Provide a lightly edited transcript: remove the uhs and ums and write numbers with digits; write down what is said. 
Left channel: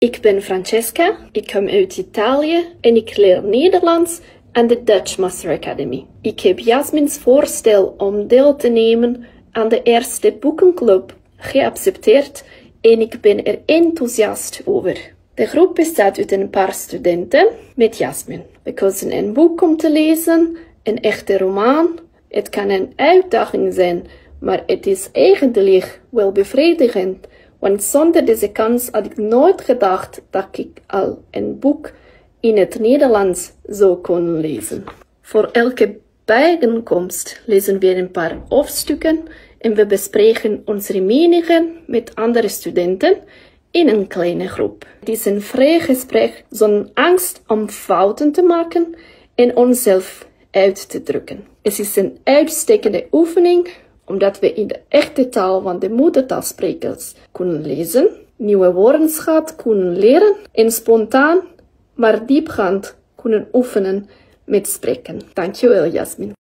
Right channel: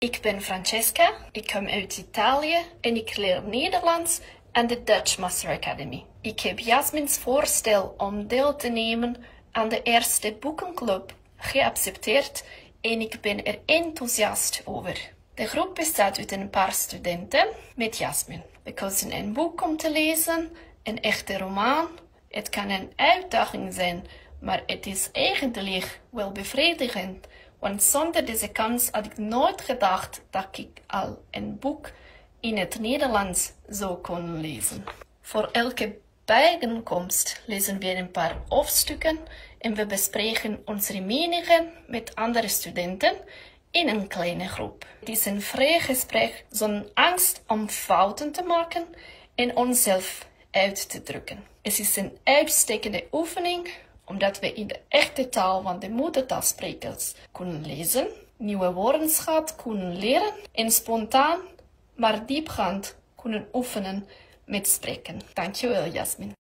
Ik ben Francesca, ik kom uit Italië en ik leer Nederlands aan de Dutch Master Academy. Ik heb Jasmin's voorstel om deel te nemen aan de eerste boekenclub geaccepteerd en ik ben er enthousiast over. De groep bestaat uit een paar studenten met Jasmin. We kozen een boek om te lezen, een echte roman. Het kan een uitdaging zijn, maar het is eigenlijk wel bevredigend. Want zonder deze kans had ik nooit gedacht dat ik al een boek in het Nederlands zou kunnen lezen. Voor elke bijeenkomst lezen we een paar hoofdstukken en we bespreken onze meningen met andere studenten in een kleine groep. Het is een vrij gesprek zonder angst om fouten te maken en onszelf uit te drukken. Het is een uitstekende oefening omdat we in de echte taal van de moedertaalsprekers kunnen lezen, nieuwe woordenschat kunnen leren en spontaan, maar diepgaand kunnen oefenen met spreken. Dankjewel, Jasmin.